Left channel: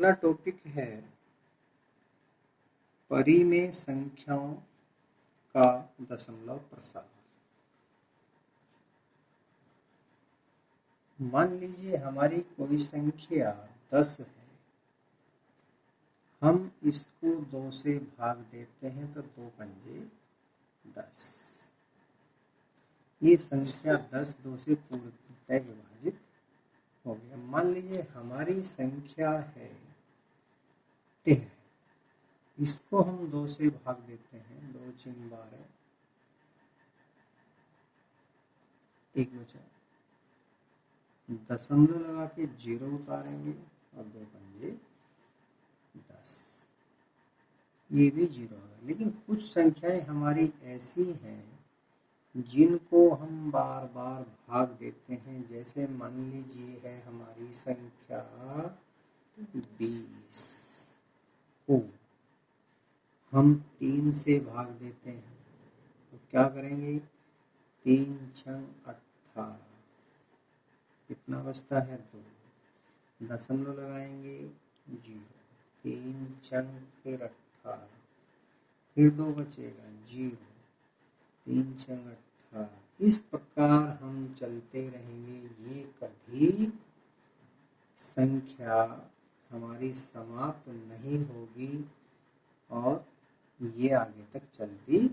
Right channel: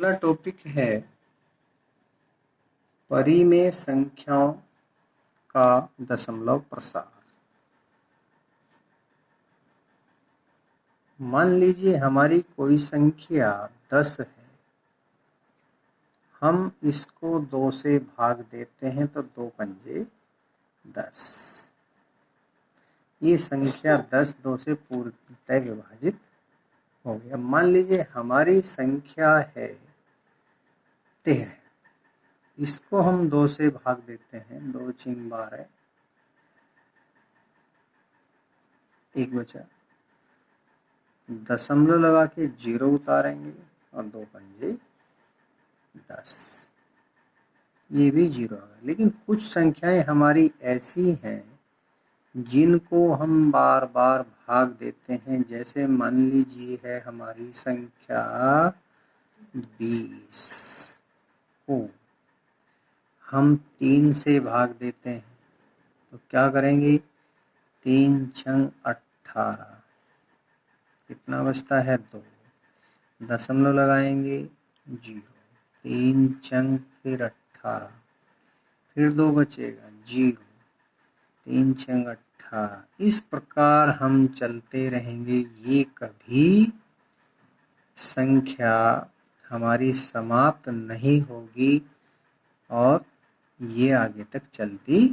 अगला टॉपिक है परिमेय संख्याओं का दशमलव प्रसार। मान लीजिए हमारी कोई संख्या 10 है, हम इसको 2 से भाग देते हैं तो 2 पंजे 10। ये संख्या 10 2 से पूर्णतः विभाजित हो गया। मान लीजिए हमारी संख्या है 13, इसको हम 2 से भाग देते हैं, 2 चिंग 12, 1 बचा, दशमलव लगा के 0 उतारेंगे और 2 पंजे 10, ये भी 0 है। लेकिन कुछ संख्याएं हमारी ऐसी हैं जिनको हम बार बार भाग देते हैं। जैसे मान लीजिए है हमारी संख्या 20 को हम 3 से भाग देते हैं तो क्या करेंगे, 3 छंग 18, कितना बचता है 2, दशमलव लगाएंगे 0, 3 छंग फिर 18, फिर 2 बचेगा 0, 3 छंग 18। इस प्रकार हम चलते रहेंगे, ये कभी संख्या हमारी समाप्त नहीं होगी और ये आगे तक चलती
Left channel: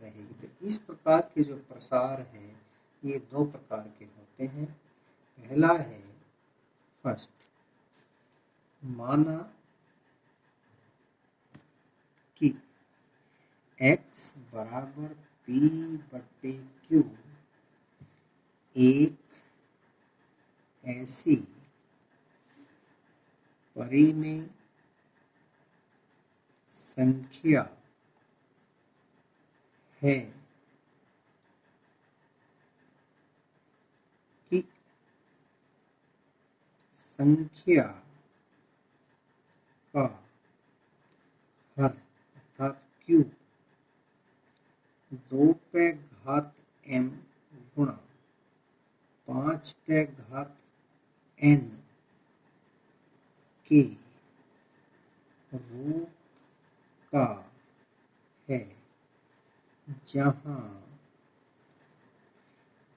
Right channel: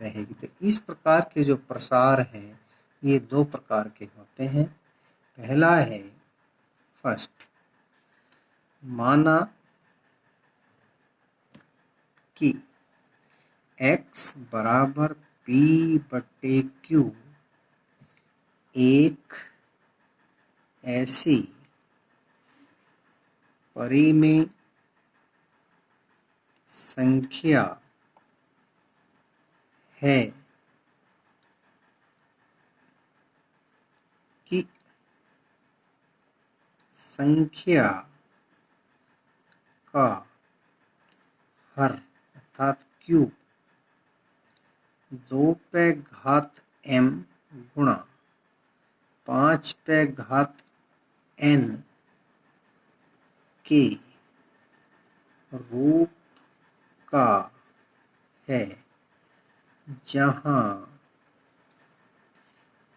रहेगी। तो इस प्रकार के जो प्रसार हैं ये 2 प्रकार के होते हैं। पहला है फर्स्ट, माना कि x बराबर p/q एक ऐसी परिमेय संख्या है कि संख्या का हर अर्थात q 2 पे घात m गुणा 5 पे घात n के रूप का है, जहाँ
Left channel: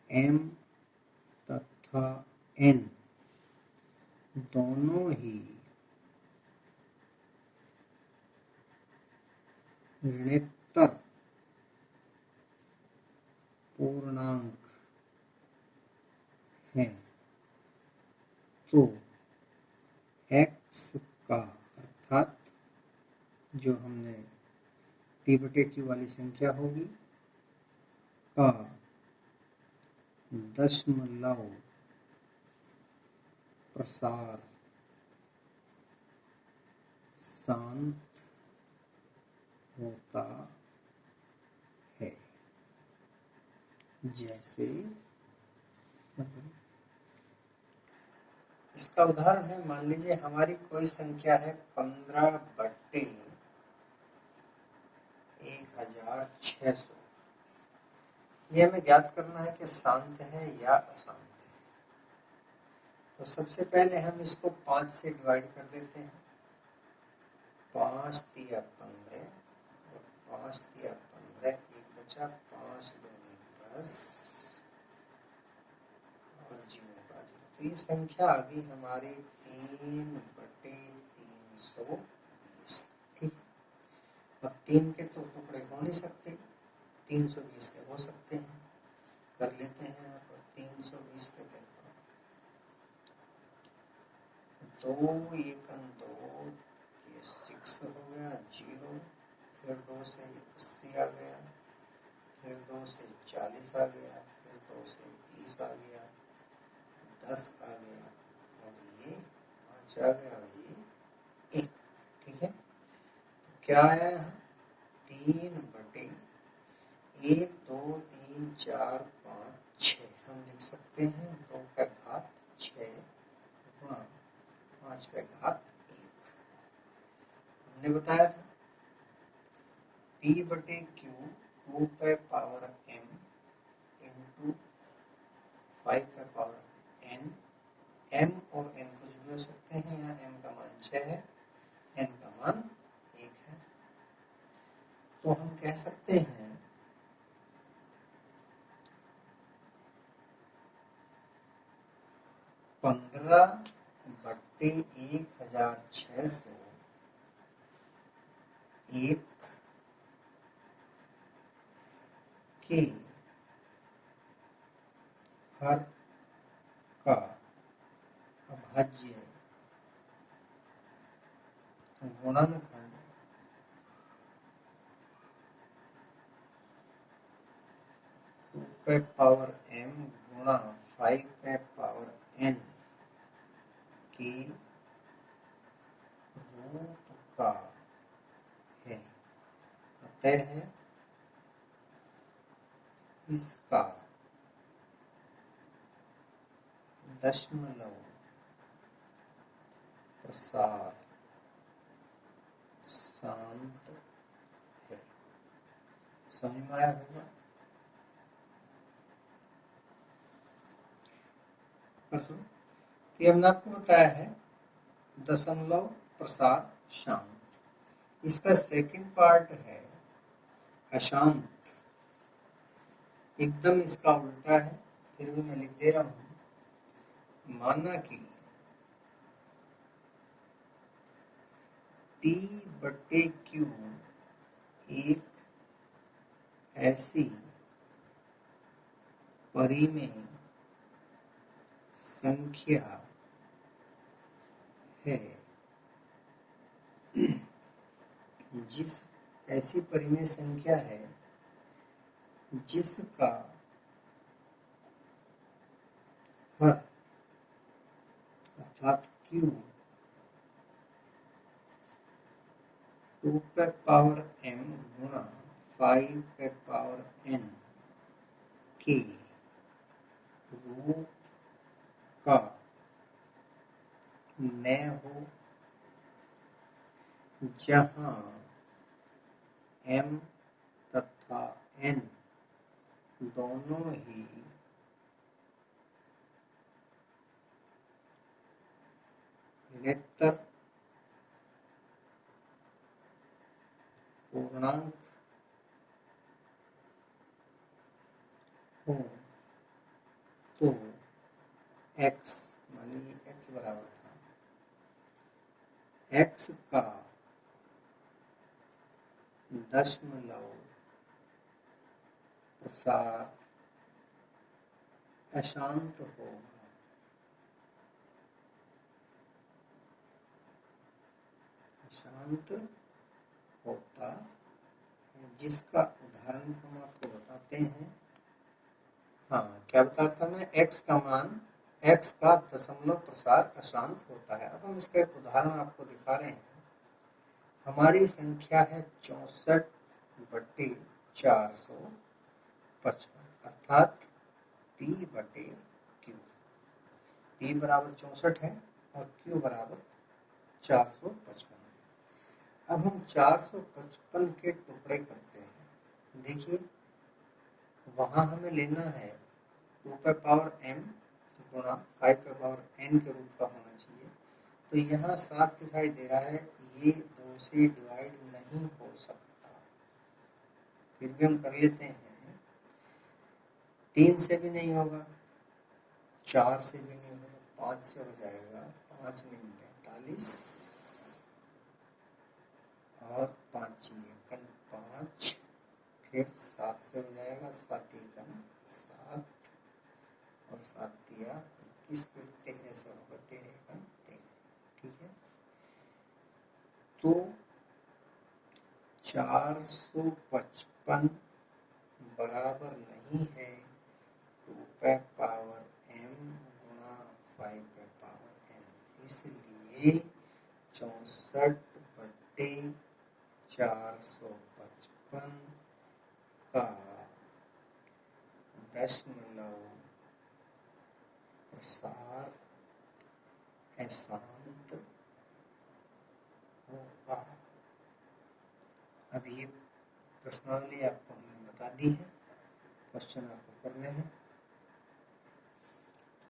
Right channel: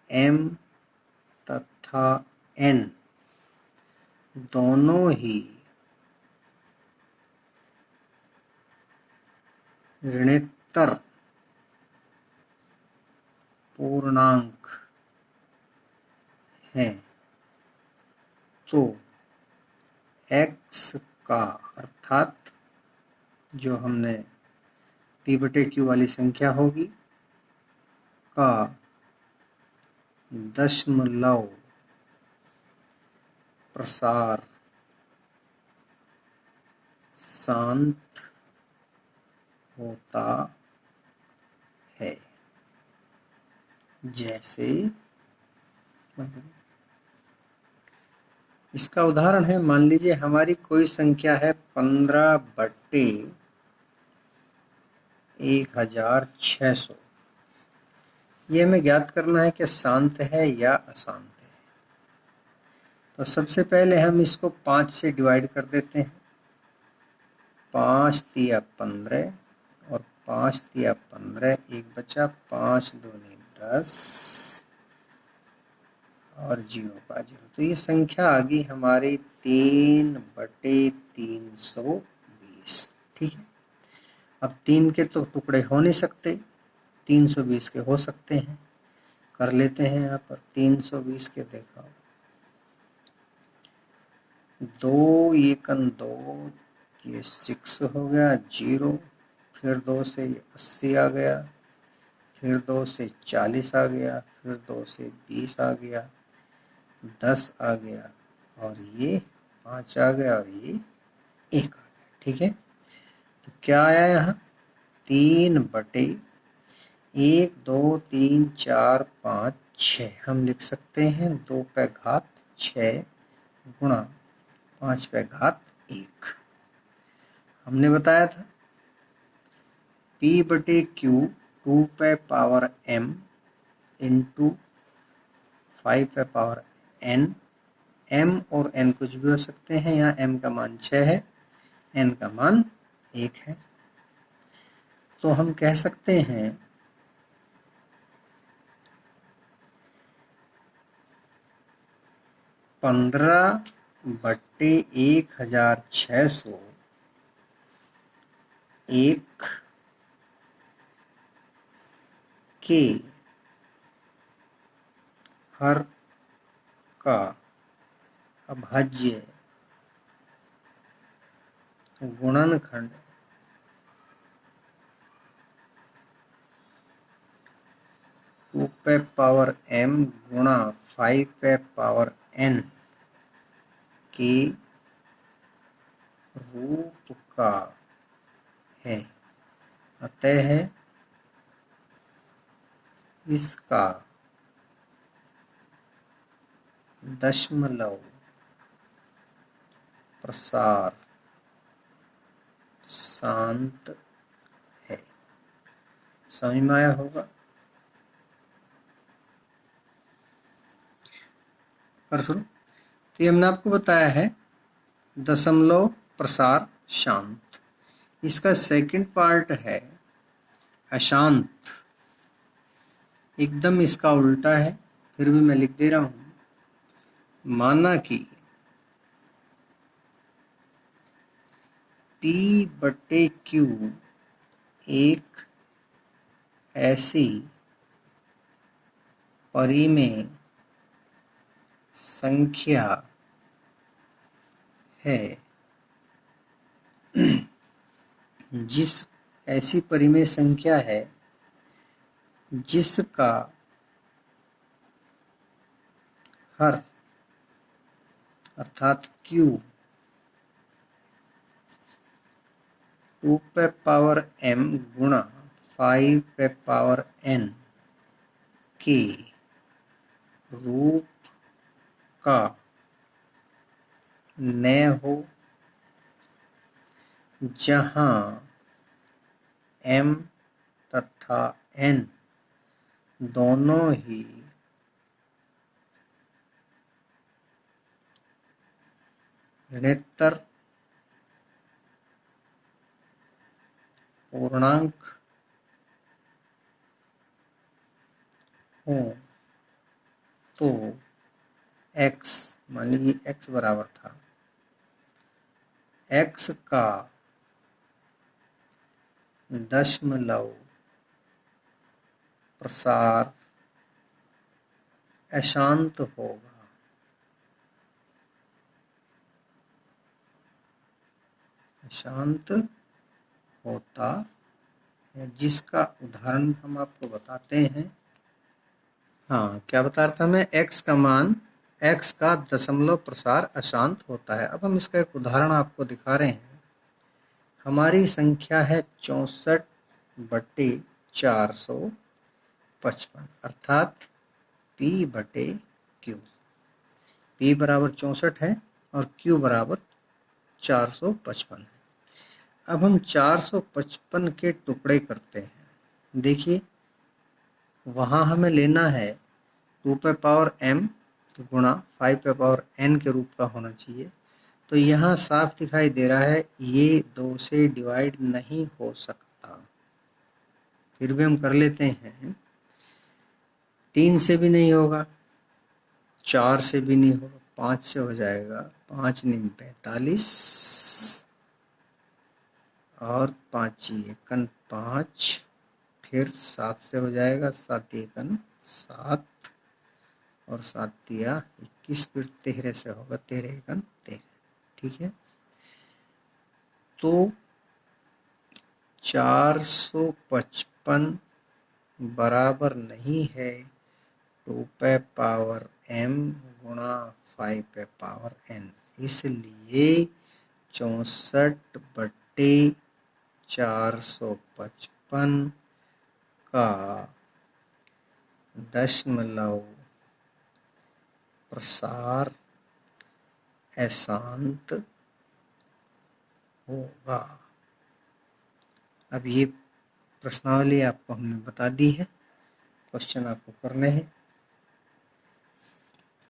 m तथा n दोनों ही ऋणोत्तर पूर्णांक है। तो x का अर्थात जो हमने p/q वाली संख्या होगी का दशमलव प्रसार शांत होता है। जैसे इसका उदाहरण है, मान लीजिए हमारी कोई संख्या है 15/1600। ये हमें ज्ञात करना है कि शांत है या अशांत है। तो सबसे पहले हम इसको 5 से डिवाइड कर देते हैं। 5 तिया 15 और 5 तिया 15, 1 बचा, 5 दूनी 10 और 0 का 0। तो ये संख्या आ गई हमारी 3/320। ठीक है, अब 3 के तो टुकड़े हो नहीं सकते, 320 के हो सकते हैं। कर लेते हैं यहाँ पर 320 के, देखा 2 एकन 2, ये 6 हो गया 0, फिर 2 से 80 आ गया, फिर 2 से 40 आ गया, फिर 2 से 20 आ गया, 10 आ गया और ये 5 आ गया और ये 1 आ गया। ठीक है, तो क्या आया यहाँ 3/1 2 3 4 5 6। हम लिख सकते हैं 2 पे घात 6 गुणा 5 पे घात 1। हमने बताया था p/q 2 पे पावर m इंटू 5 पे पावर n m और n कुछ भी हो सकते हैं। यहाँ m का मान 6 है, n का मान 1 है। तो हम कह सकते हैं 15/1600 1 के हर का अभाज्य गुणनखंड 2m गुणा 5n के रूप का है। अतः इसका दशमलव प्रसार शांत है। समझ में आया होगा। और सुनो, तो ये हमने आपको बताया है दशमलव प्रसार शांत। इसका सेकंड पार्ट है अशांत, एकदम इसका उल्टा है, फिर भी मैं लिख दे रहा हूं। माना कि P/Q एक ऐसी परिमेय संख्या है ऐसी परिमेय संख्या है जिसका हर अर्थात Q 2m गुणा 5n के रूप का न हो, जहां m तथा n दोनों ही ऋणोत्तर पूर्णांक हो। तो x, मान लीजिए x बराबर था, x का दशमलव प्रसार अशांत होगा। अशांत होता है, जिसका उदाहरण हम आपको बताते हैं। हाँ, क्या बता रहा था मैं, x का मान, x का दशमलव प्रसार अशांत होता है। अब हम इसका एक उदाहरण आपको दिखा रहे हैं। हमारी संख्या है 64/455 अर्थात P/Q। P बराबर 64 है और Q बराबर 455 है। अब हम 455 के टुकड़े करते हैं। देखिए, वहाँ हमें लेना है 2m गुणा 5n के रूप का होना चाहिए। तो यहाँ साफ दिखाई दे रहा है ये 2 से डिवाइड नहीं हो सकता। फिर भी हम कर लेते हैं। 3 से भी नहीं होगा, 4 से भी नहीं होगा, 5 से हो जाएगा। 5 9 45 और 5 एकन 5, फिर 7 से हो जाएगा। 7 एकन 7 और 7 दिया 21, फिर 13 से होगा। 13 एकन 13। ठीक है, तो 455 बराबर नहीं है 2m गुणा 5n। इसलिए 64/455 का दशमलव प्रसार अशांत होगा। अब ये प्रश्नावली आपको हमने बता दी है, क्वेश्चन आपको करने हैं।